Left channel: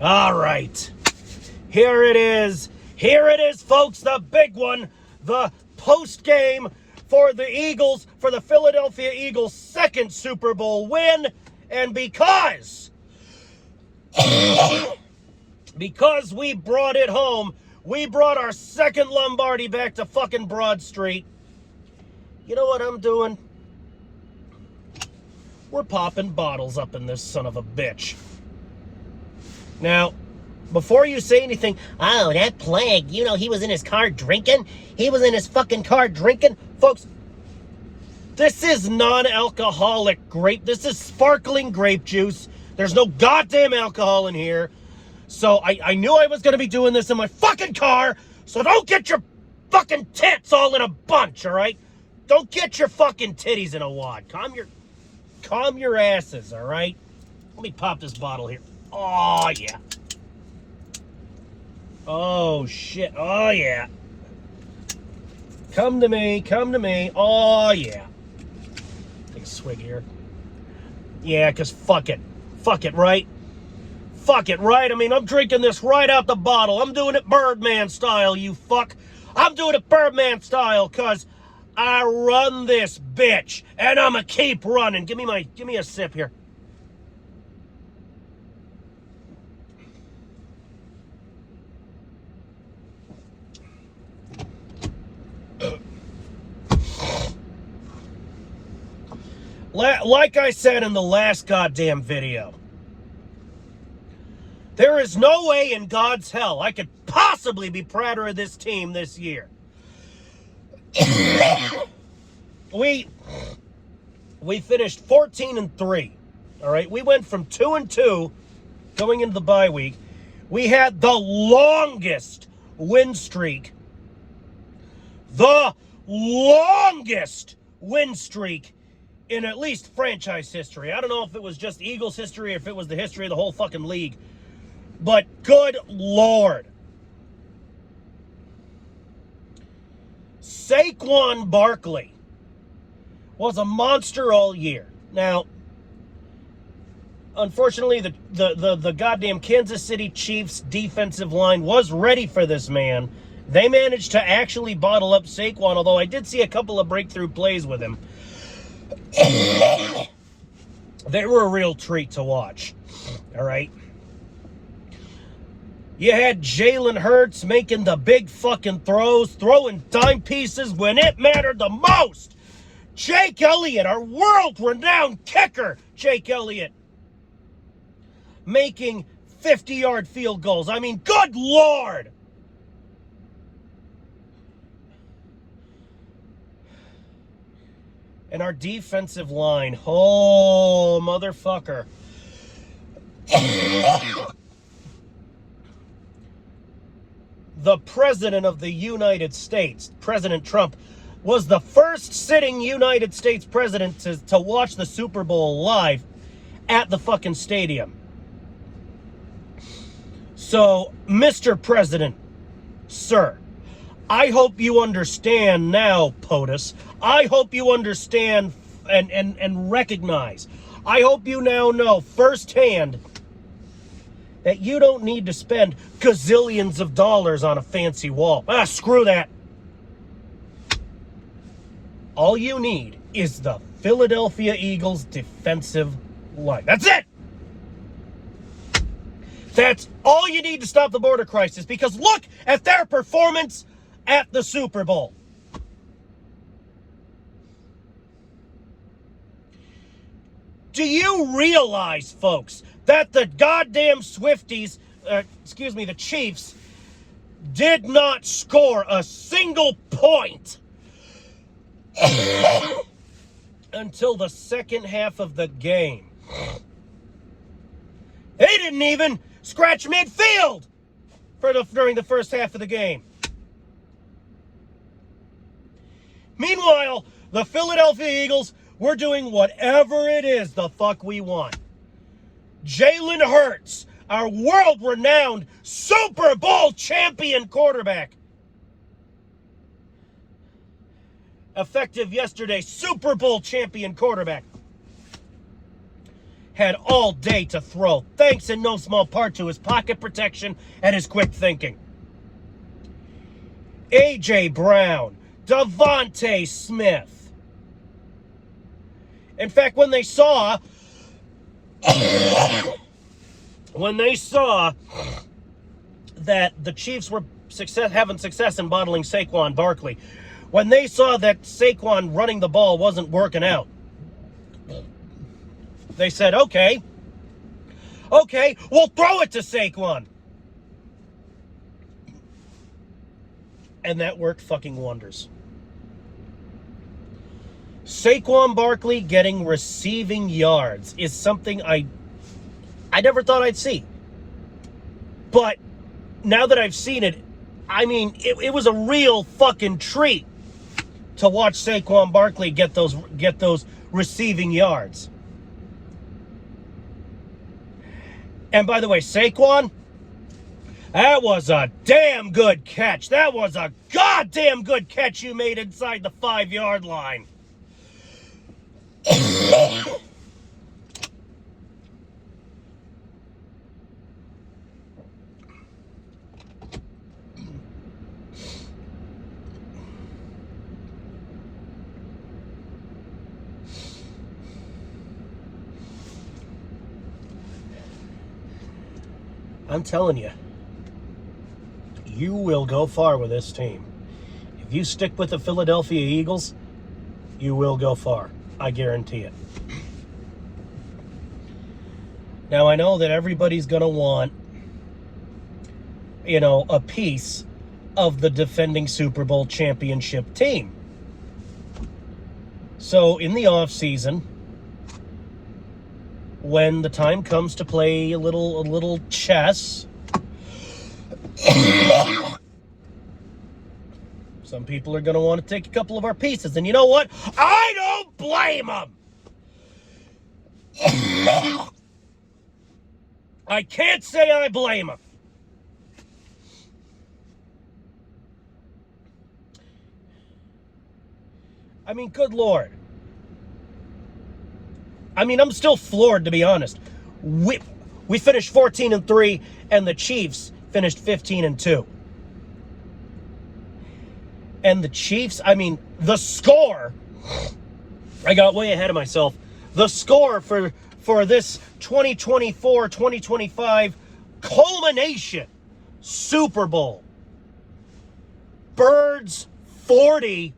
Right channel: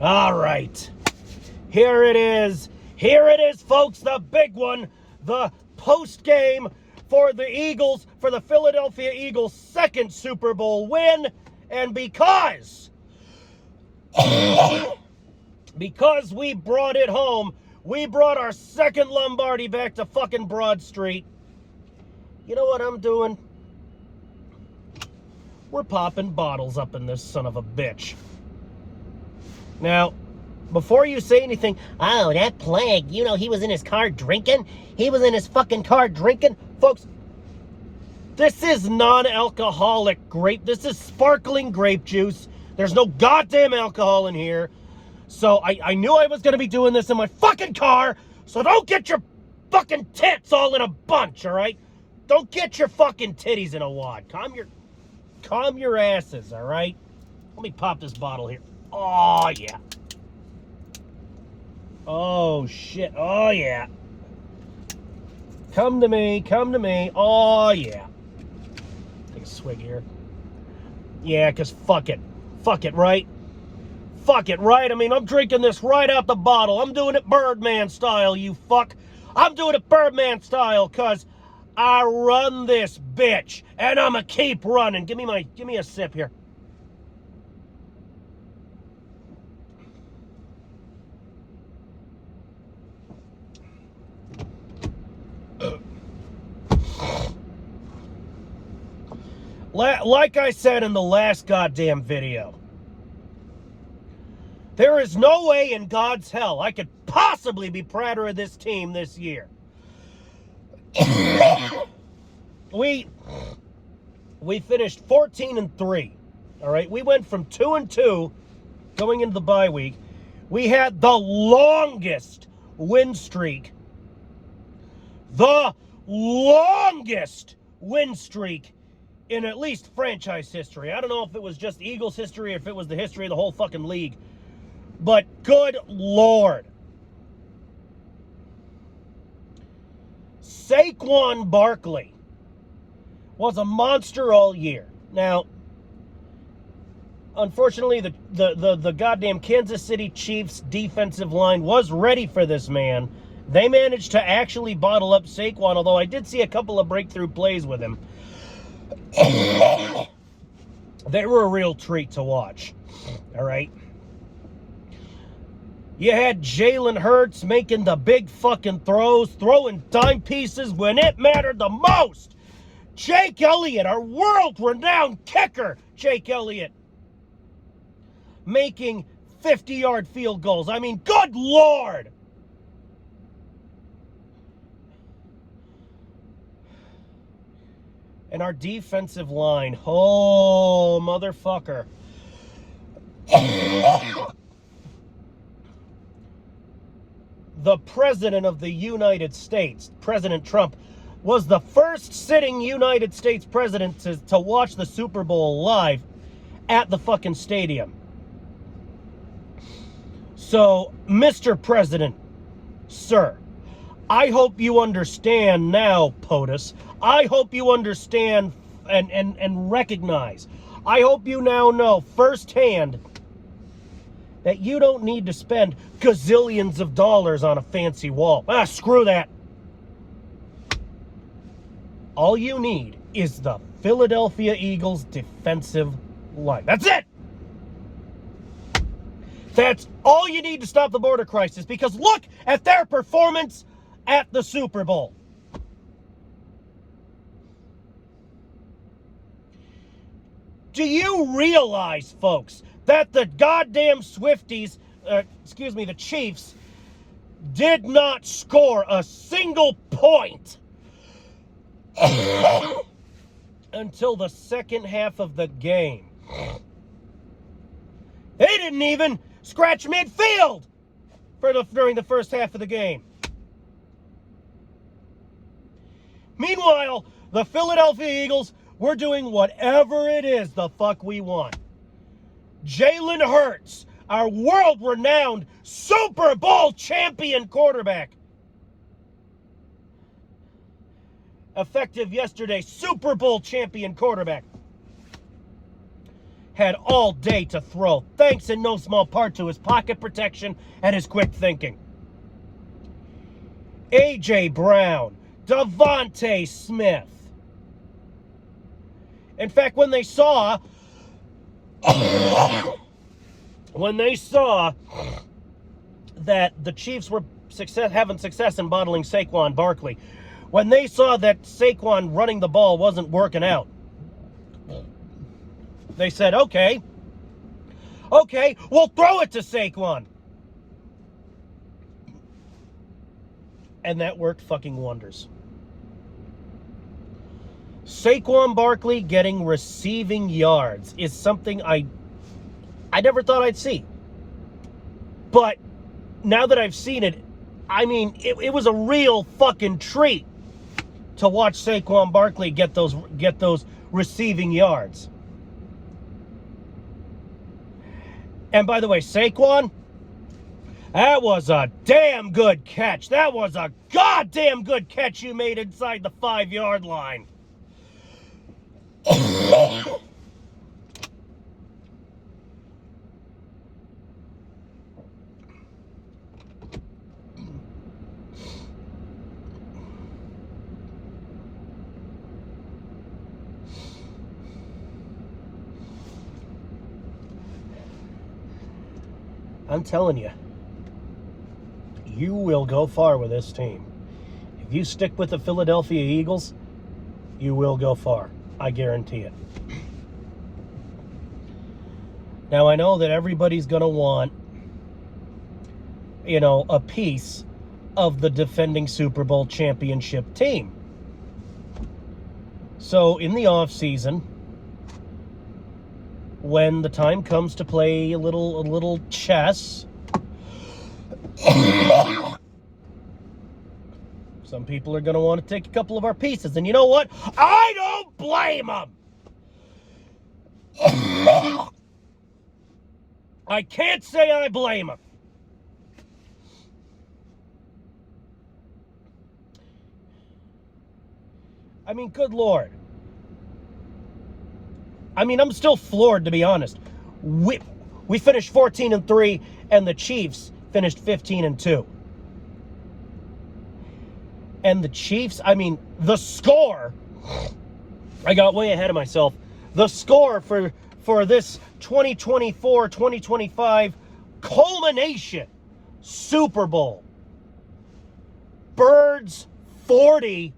All right. Here it is. Here it is, folks, the big one. The post game for the Eagles, for the Philadelphia Eagles' second Super Bowl win. And because we brought it home, we brought our second Lombardi back to fucking Broad Street. You know what I'm doing? We're popping bottles up in this son of a bitch. Now, before you say anything, oh, that plague, you know, he was in his car drinking. He was in his fucking car drinking. Folks, this is non-alcoholic grape. This is sparkling grape juice. There's no goddamn alcohol in here. So I knew I was going to be doing this in my fucking car. So don't get your fucking tits all in a bunch, all right? Don't get your fucking titties in a wad. Calm your asses, all right? Let me pop this bottle here. Oh, yeah. Oh, shit. Oh, yeah. Come to me. Come to me. Oh, yeah. Take a swig here. Yeah, because fuck it. Fuck it, right? Fuck it, right? I mean, I'm drinking this right out the bottle. I'm doing it Birdman style, you fuck. I'm doing it Birdman style because I run this bitch. And I'm going to keep running. Give me a sip here. Like I said in the last goddamn video, there is no way in God's hell I could possibly be prouder of this team this year. We finished 14-3. All right, we went from 2-2 going into the bye week. We had the longest win streak. The longest win streak in at least franchise history. I don't know if it was just Eagles history or if it was the history of the whole fucking league. But good Lord. Saquon Barkley was a monster all year. Now, unfortunately, the goddamn Kansas City Chiefs defensive line was ready for this man. They managed to actually bottle up Saquon, although I did see a couple of breakthrough plays with him. They were a real treat to watch. All right. You had Jalen Hurts making the big fucking throws, throwing dime pieces when it mattered the most. Jake Elliott, our world-renowned kicker, Jake Elliott, making 50-yard field goals. I mean, good Lord. And our defensive line, oh, motherfucker. The President of the United States, President Trump, was the first sitting United States president to watch the Super Bowl live at the fucking stadium. So, Mr. President, sir, I hope you understand now, POTUS. I hope you understand and recognize. I hope you now know firsthand that you don't need to spend gazillions of dollars on a fancy wall. Ah, screw that. All you need is the Philadelphia Eagles defensive line. That's it. That's all you need to stop the border crisis, because look at their performance at the Super Bowl. Do you realize, folks, that the goddamn Swifties, the Chiefs, did not score a single point until the second half of the game? They didn't even scratch midfield during the first half of the game. Meanwhile, the Philadelphia Eagles were doing whatever it is the fuck we want. Jalen Hurts, our world-renowned Super Bowl champion quarterback, effective yesterday, Super Bowl champion quarterback, had all day to throw, thanks in no small part to his pocket protection and his quick thinking. A.J. Brown, Devontae Smith. In fact, when they saw that the Chiefs were having success in bottling Saquon Barkley, when they saw that Saquon running the ball wasn't working out, they said, okay, we'll throw it to Saquon. And that worked fucking wonders. Saquon Barkley getting receiving yards is something I never thought I'd see. But now that I've seen it, I mean, it was a real fucking treat to watch Saquon Barkley get those receiving yards. And by the way, Saquon, that was a damn good catch. That was a goddamn good catch you made inside the 5-yard line. I'm telling you, you will go far with this team. If you stick with the Philadelphia Eagles, you will go far. I guarantee it. Now, I know that everybody's going to want, a piece of the defending Super Bowl championship team. So, in the offseason, when the time comes to play a little chess, some people are going to want to take a couple of our pieces. And you know what? I don't blame them. I can't say I blame them. I mean, good Lord. I mean, I'm still floored, to be honest. We finished 14-3, and the Chiefs finished 15-2. And the Chiefs, I mean, the score, I got way ahead of myself. The score for this 2024-2025 culmination Super Bowl. Birds 40,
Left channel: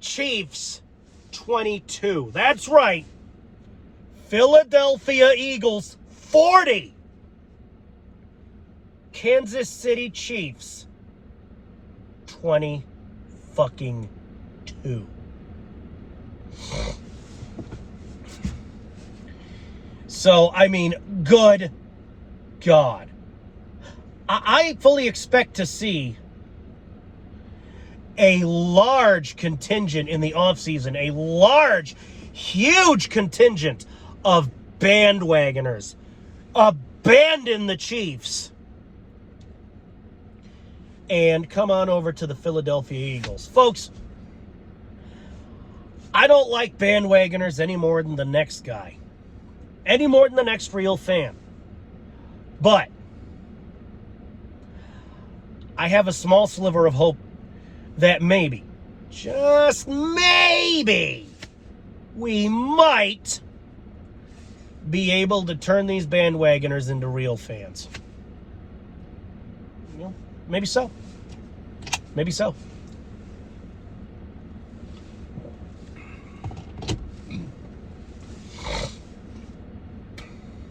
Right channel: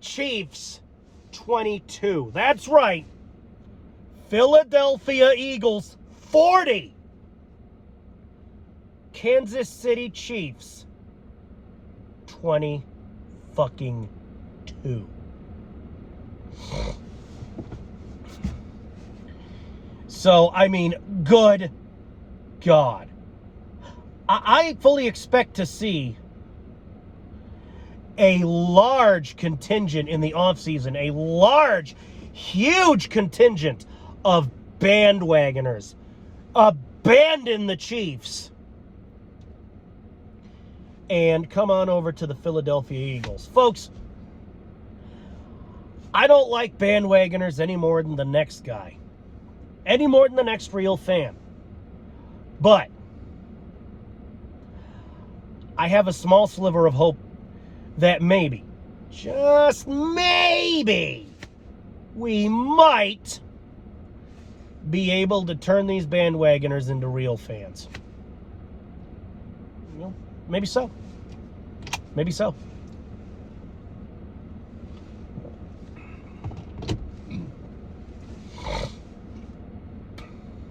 Chiefs 22. That's right. Philadelphia Eagles 40. Kansas City Chiefs 20 fucking 2. So, I mean, good God. I fully expect to see a large contingent in the offseason, a large, huge contingent of bandwagoners abandon the Chiefs and come on over to the Philadelphia Eagles. Folks, I don't like bandwagoners any more than the next guy, any more than the next real fan. But I have a small sliver of hope that maybe, just maybe, we might be able to turn these bandwagoners into real fans. You know, maybe so. Maybe so.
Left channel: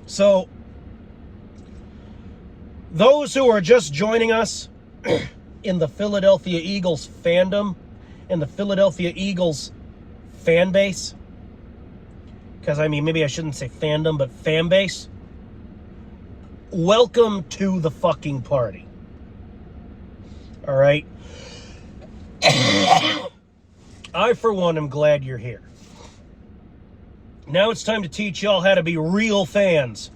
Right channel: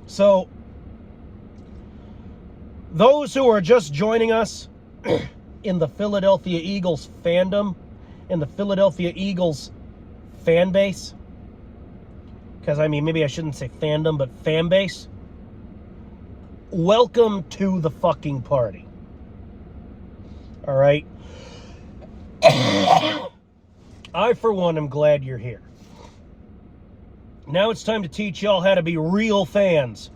So, those who are just joining us in the Philadelphia Eagles fandom, in the Philadelphia Eagles fan base, because I mean, maybe I shouldn't say fandom, but fan base, welcome to the fucking party. All right? I, for one, am glad you're here. Now it's time to teach y'all how to be real fans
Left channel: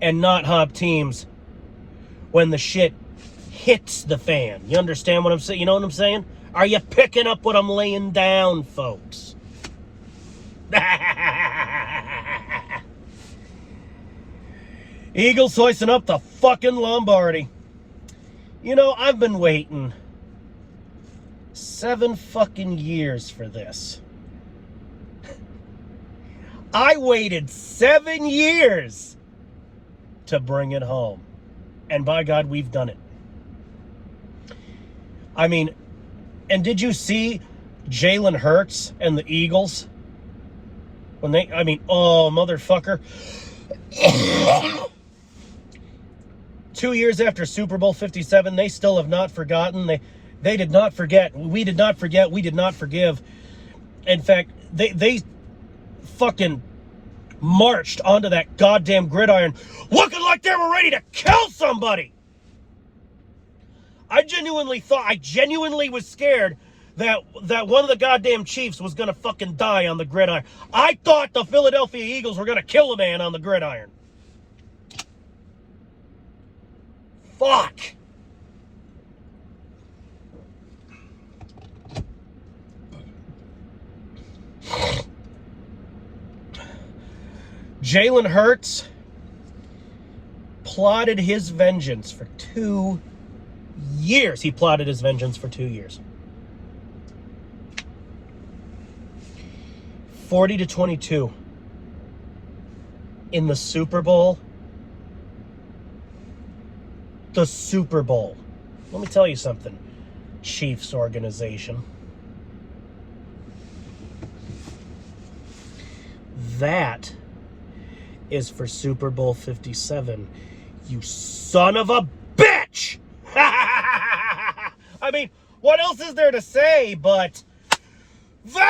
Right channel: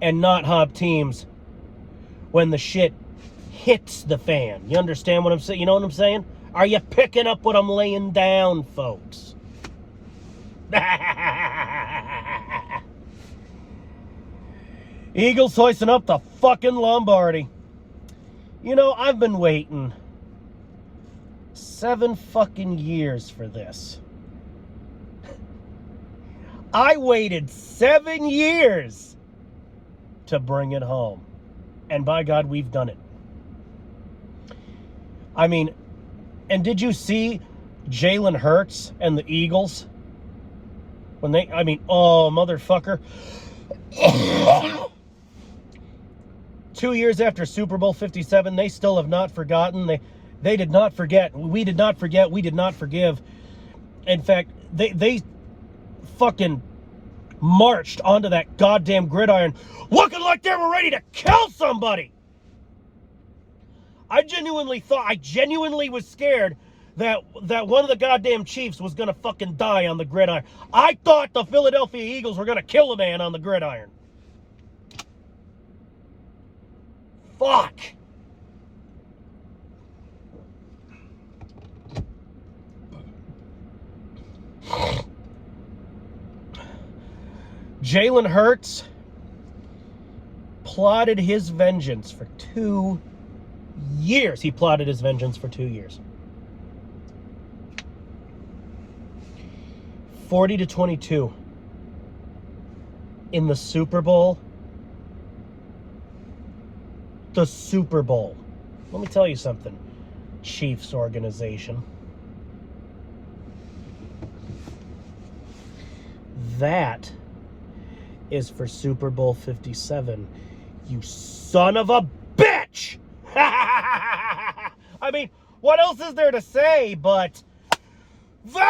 and not hop teams when the shit hits the fan. You understand what I'm saying? You know what I'm saying? Are you picking up what I'm laying down, folks? Eagles hoisting up the fucking Lombardi. You know, I've been waiting 7 fucking years for this. I waited 7 years to bring it home. And by God, we've done it. I mean, and did you see Jalen Hurts and the Eagles? When they, I mean, oh, motherfucker. 2 years after Super Bowl 57, they still have not forgotten. They did not forget. We did not forget. We did not forgive. In fact, they fucking marched onto that goddamn gridiron looking like they were ready to kill somebody. I genuinely was scared that one of the goddamn Chiefs was going to fucking die on the gridiron. I thought the Philadelphia Eagles were going to kill a man on the gridiron. Fuck. Jalen Hurts plotted his vengeance for 2 years. He plotted his vengeance for 2 years. 40-22 in the Super Bowl. The Super Bowl. Let me tell you something, Chiefs organization. That is for Super Bowl 57. You son of a bitch! I mean, what else is there to say but vengeance?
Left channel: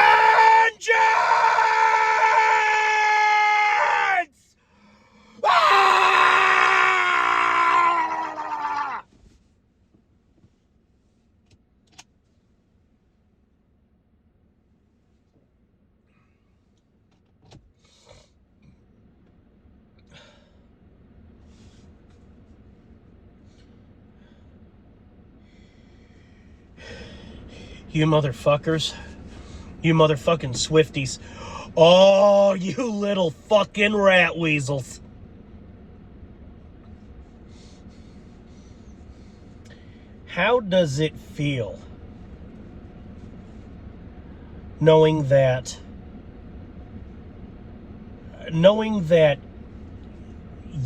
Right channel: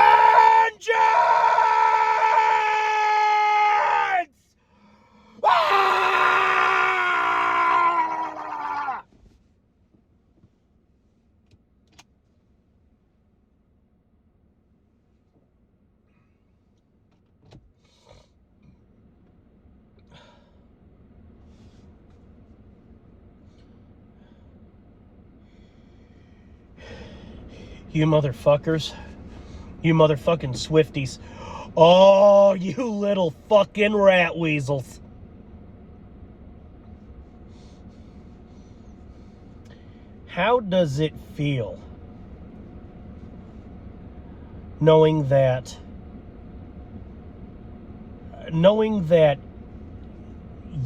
You motherfuckers. You motherfucking Swifties. Oh, you little fucking rat weasels. How does it feel knowing that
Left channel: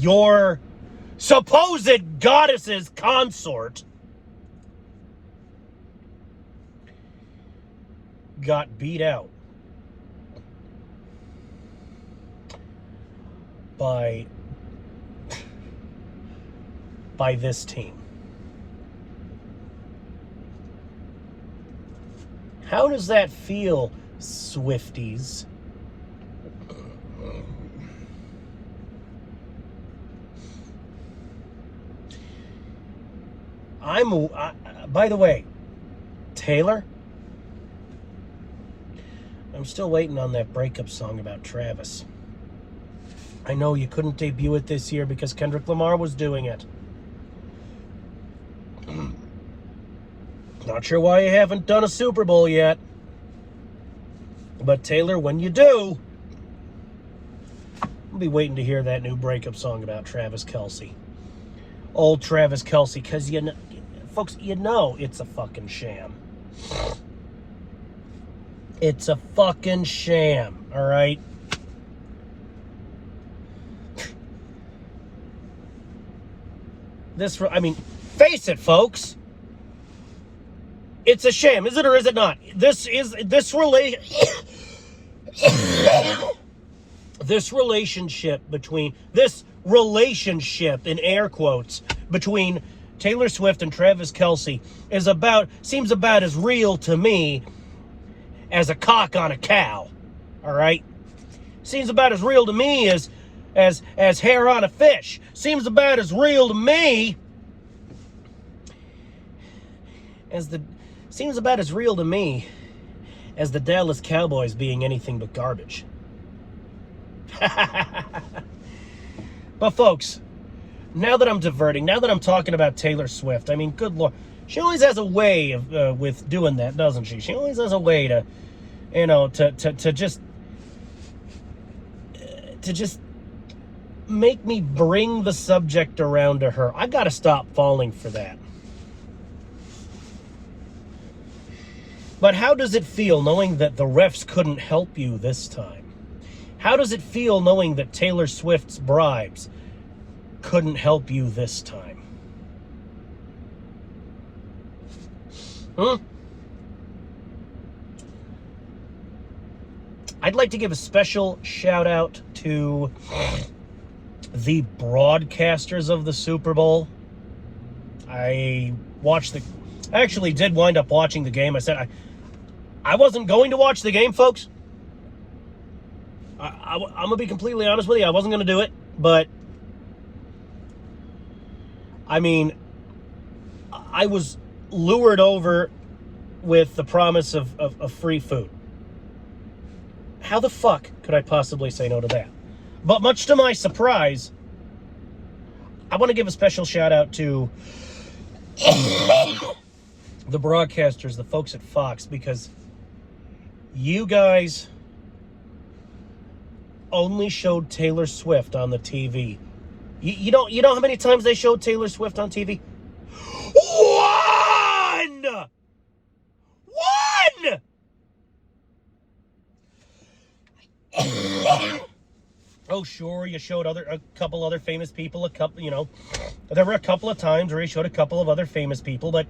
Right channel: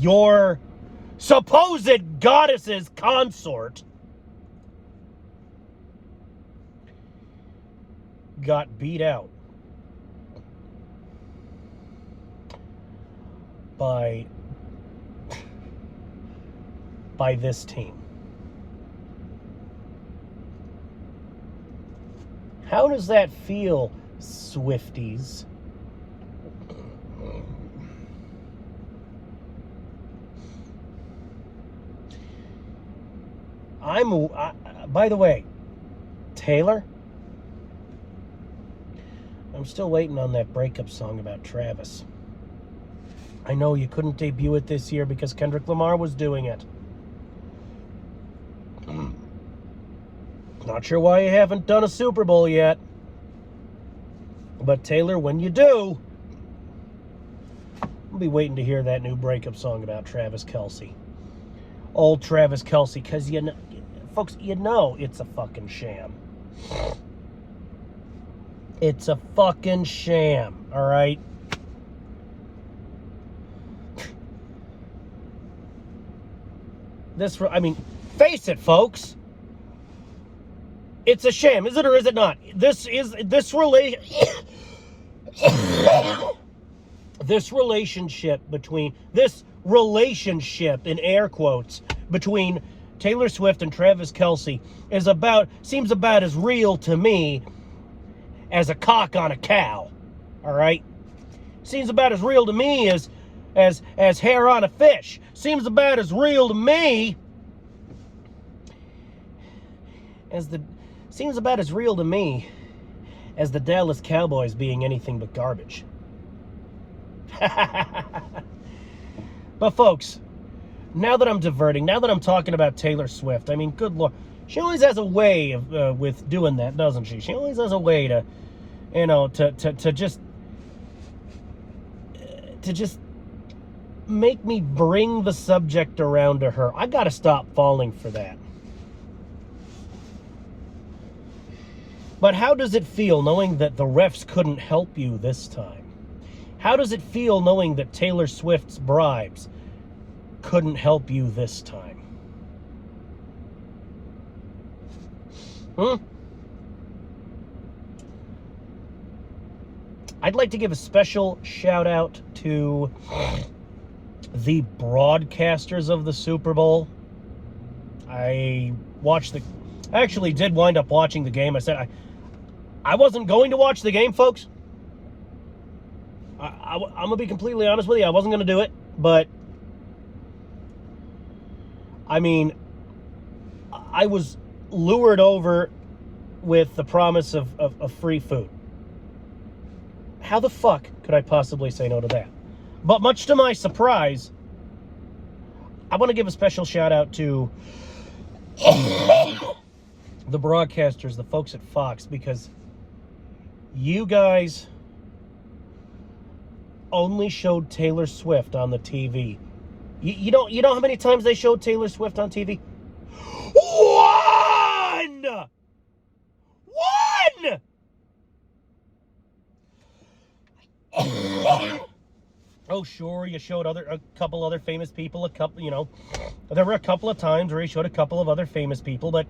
your supposed goddess's consort got beat out by this team? How does that feel, Swifties? By the way, Taylor, I'm still waiting on that breakup song about Travis. I know you couldn't debut it this year because Kendrick Lamar was doing it. Not sure why you haven't done a Super Bowl yet. But Taylor, when you do, I'll be waiting to hear that new breakup song about Travis Kelce. Old Travis Kelce, because folks, you know it's a fucking sham. It's a fucking sham, all right? Face it, folks. It's a sham, is it or is it not? This relationship in air quotes between Taylor Swift and Travis Kelce seems about as real to me as a cock on a cow. All right? Seems about as real to me as hair on a fish. Seems about as real to me as the Dallas Cowboys being anything but garbage. But folks, now that I'm diverting, now that I'm talking about Taylor Swift, I mean, good Lord, she always has a way of with doing that, doesn't she? She always has a way to, to just to just make me bring the subject around to her. I gotta stop falling for that. But how does it feel knowing that the refs couldn't help you this time? How does it feel knowing that Taylor Swift's bribes couldn't help you this time? I'd like to give a special shout out to the broadcasters of the Super Bowl. I actually did wind up watching the game. I said I wasn't going to watch the game, folks. I'm going to be completely honest with you. I wasn't going to do it, but I mean, I was lured over with the promise of free food. How the fuck could I possibly say no to that? But much to my surprise, I want to give a special shout out to the broadcasters, the folks at Fox, because you guys only showed Taylor Swift on the TV. You know how many times they showed Taylor Swift on TV? One! Oh, sure, you showed a couple other famous people, there were a couple of times where he showed a couple of other famous people, but,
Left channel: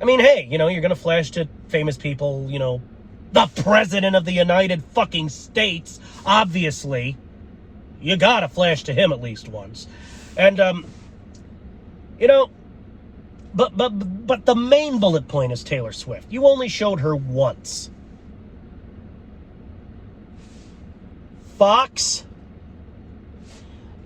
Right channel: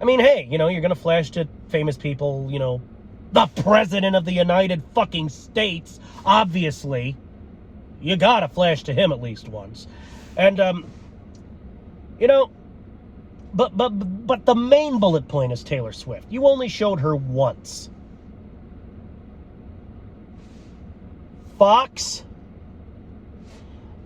I mean, hey, you're going to flash to famous people, the President of the United fucking States, obviously. You got to flash to him at least once. And, but the main bullet point is Taylor Swift. You only showed her once. Fox,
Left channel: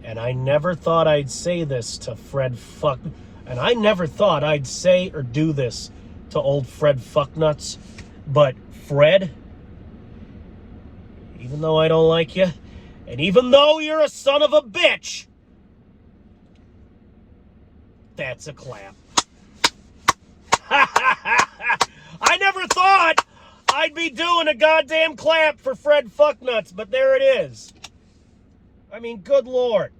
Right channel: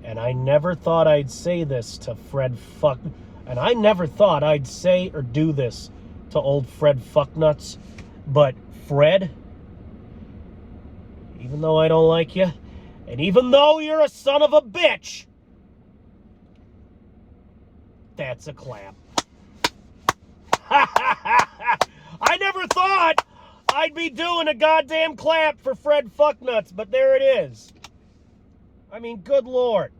and I never thought I'd say this to Fred Fuck, and I never thought I'd say or do this to old Fred Fucknuts, but Fred, even though I don't like you, and even though you're a son of a bitch, that's a clap. I never thought I'd be doing a goddamn clap for Fred Fucknuts, but there it is. I mean, good Lord.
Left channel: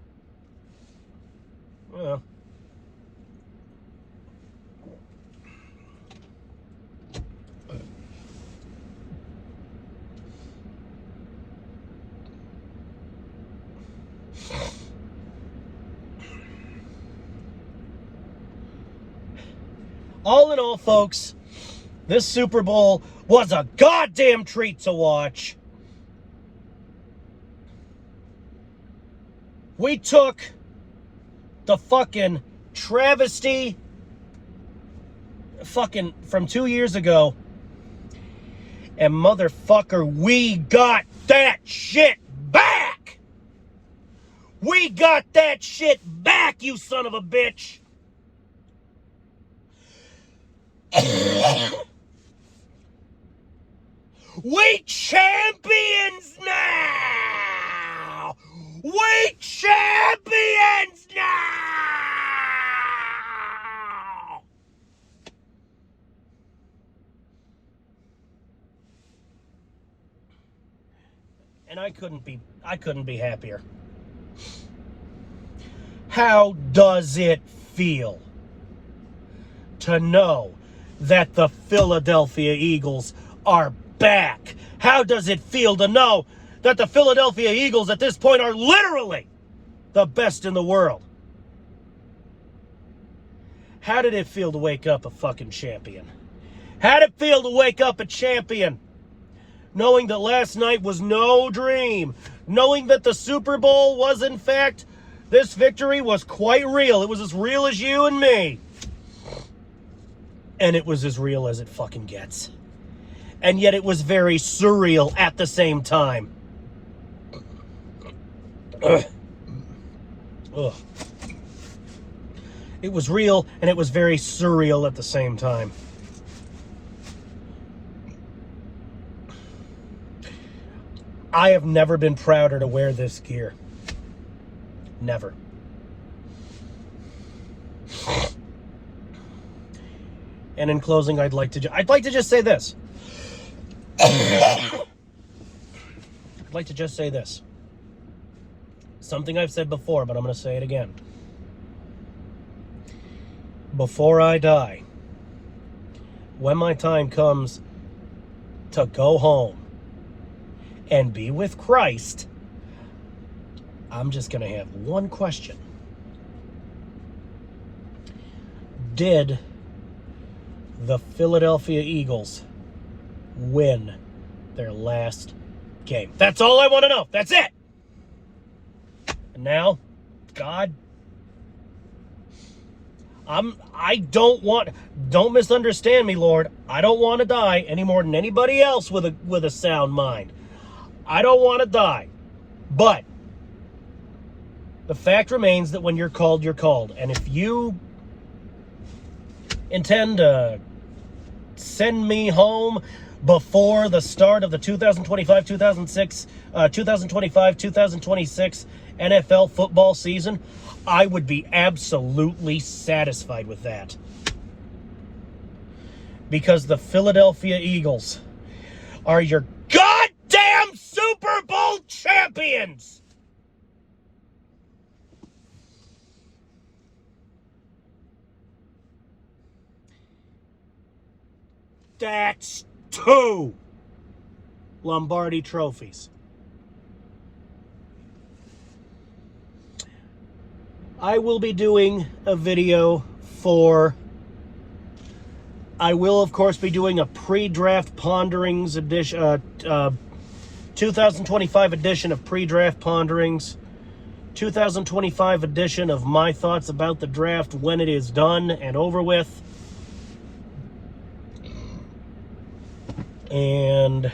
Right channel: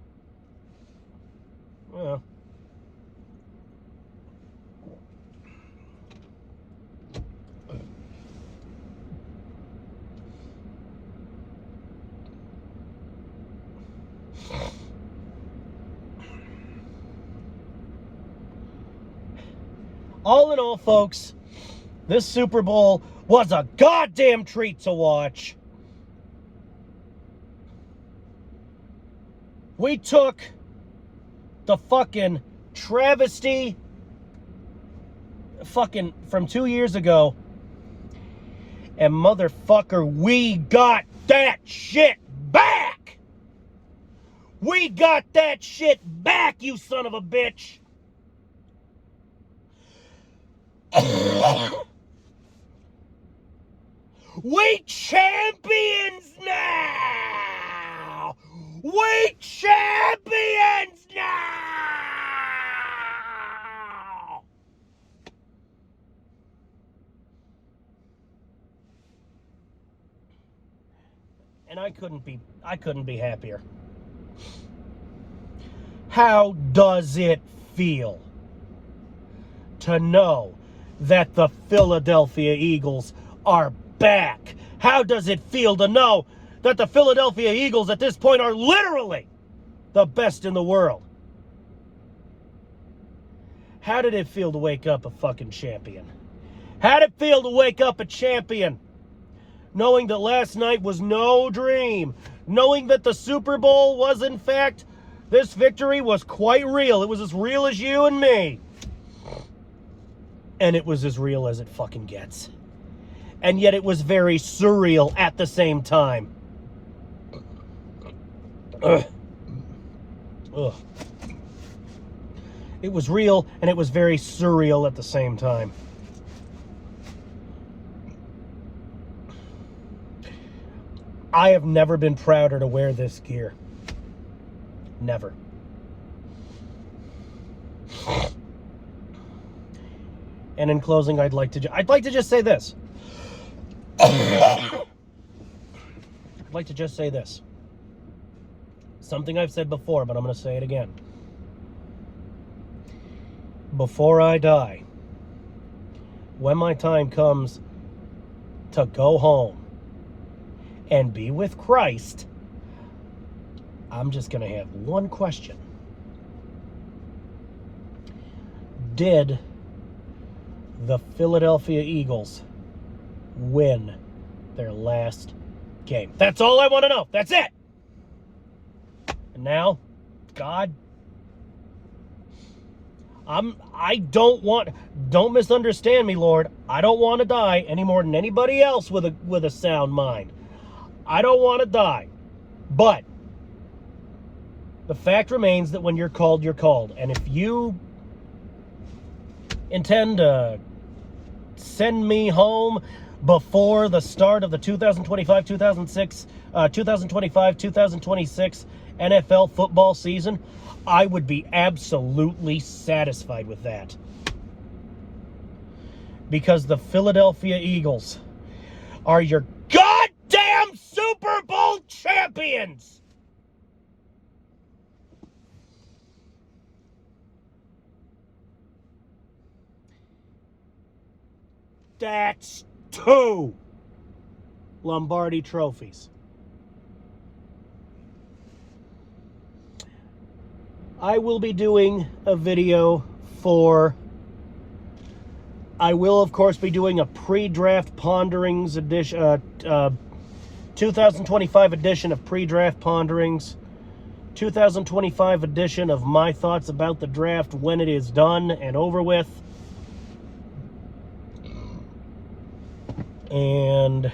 Well. All in all, folks, this Super Bowl was a goddamn treat to watch. We took the fucking travesty fucking from 2 years ago, and motherfucker, we got that shit back! We got that shit back, you son of a bitch! We champions now! We champions now! And I couldn't be happier. How does it feel to know that the Philadelphia Eagles are back? How does it feel to know that the Philadelphia Eagles at this point are literally the best in the world? How did it feel to wake up a fucking champion? How did it feel to wake up a champion? Knowing that last night was no dream. Knowing that the Super Bowl was, in fact, this victory was quite real. It was as real as you and me. And it was as real as it fucking gets. And yet it was very surreal at the same time. Ugh. It was real and it was very surreal at the same time. I have never been prouder to wear this gear. Never. And in closing, I'd like to just say this. I'd like to just say this. Something I've said before, but I'm going to say it again. Before I die, when my time comes to go home and be with Christ, I'm just going to have one question. Did the Philadelphia Eagles win their last game? That's all I want to know. That's it. And now, God, don't misunderstand me, Lord. I don't want to die any more than anybody else with a sound mind. I don't want to die. But the fact remains that when you're called, you're called. And if you intend to send me home before the start of the 2025-2026 NFL football season, I would be absolutely satisfied with that. Because the Philadelphia Eagles are your goddamn Super Bowl champions! That's 2 Lombardi trophies. I will be doing a video I will, of course, be doing a pre-draft ponderings edition, 2025 edition of pre-draft ponderings, 2025 edition of my thoughts about the draft when it is done and over with. And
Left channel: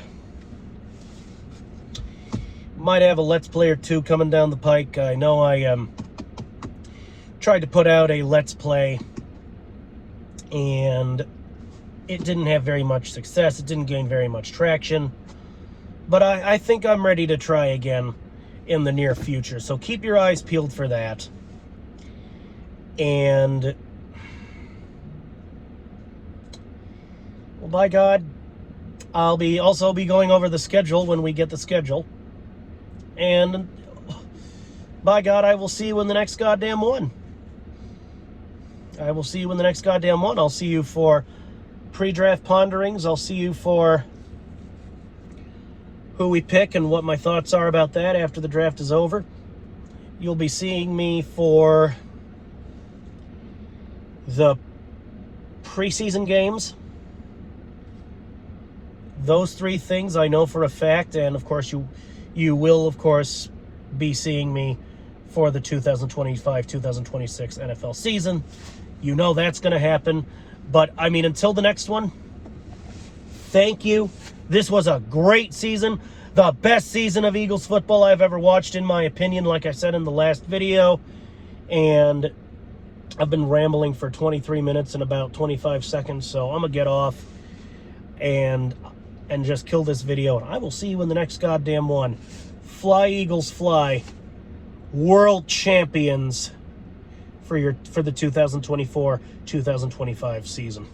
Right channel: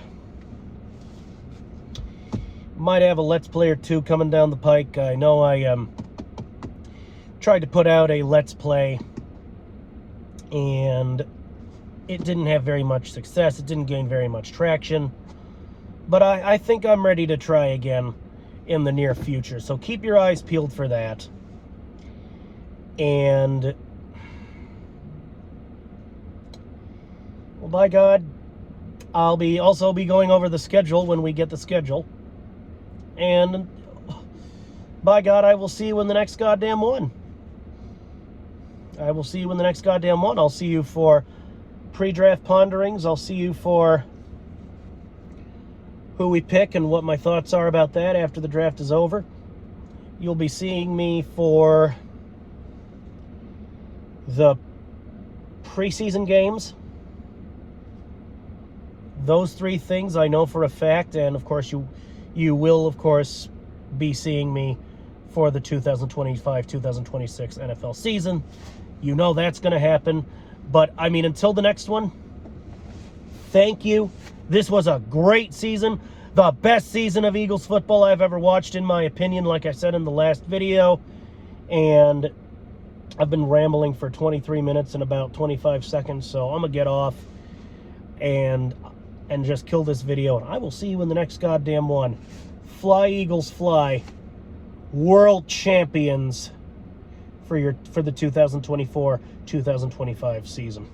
might have a Let's Play or two coming down the pike. I know I tried to put out a Let's Play, and it didn't have very much success. It didn't gain very much traction. But I think I'm ready to try again in the near future. So keep your eyes peeled for that. And, well, by God, I'll also be going over the schedule when we get the schedule. And, by God, I will see you in the next goddamn one. I will see you in the next goddamn one. I'll see you for pre-draft ponderings. I'll see you for who we pick and what my thoughts are about that after the draft is over. You'll be seeing me for the preseason games. Those 3 things I know for a fact, and of course you will, of course, be seeing me for the 2025-2026 NFL season. You know that's going to happen. But, I mean, until the next one, thank you. This was a great season. The best season of Eagles football I've ever watched, in my opinion, like I said in the last video. And I've been rambling for 23 minutes and about 25 seconds, so I'm going to get off and just kill this video. And I will see you in the next goddamn one. Fly, Eagles, fly. World champions for the 2024-2025 season.